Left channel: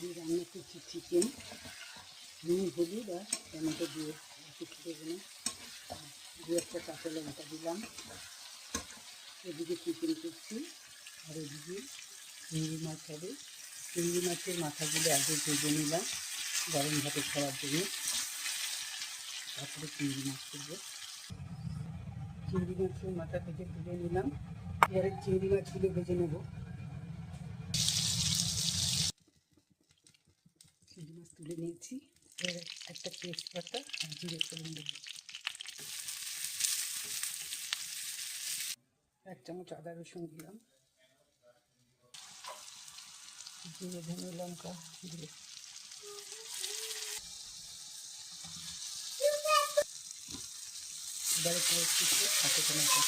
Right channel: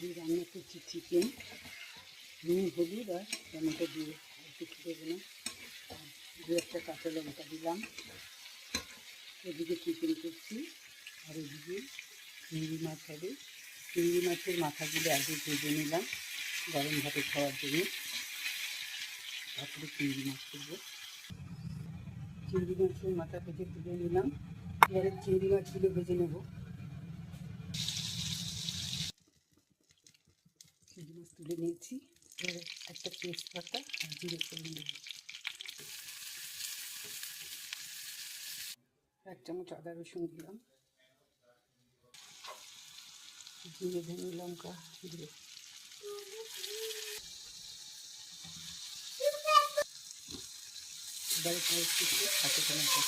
আজকে রান্না করছি চিকেন, নুন হলুদ আর টমেটো দিয়ে, কিছু দেবো না। দু একটা কাঁচা লঙ্কা দিলাম। এদিকে চিকেন করছি আর এদিকে চিংড়ি মাছ হবে। চিংড়ি মাছের মাথাগুলো আগে ভেজে নিলাম গরম ভাতে খাওয়ার জন্য, তারপরে চিংড়ি মাছ করবো। চিংড়ি মাছের মাথা থেকে তুলে নিলাম, এবারে চিংড়ি মাছগুলো ভেজে নেব। চিংড়ি মাছ তুলে নিয়েছি, এবারে একটা তেজপাতা আর জিরে ফোড়ন দেবো। 1 চামচ আদা রসুন দিলাম, জিরে ধনে লঙ্কা দিয়ে এবারে একটু হাতে টমেটো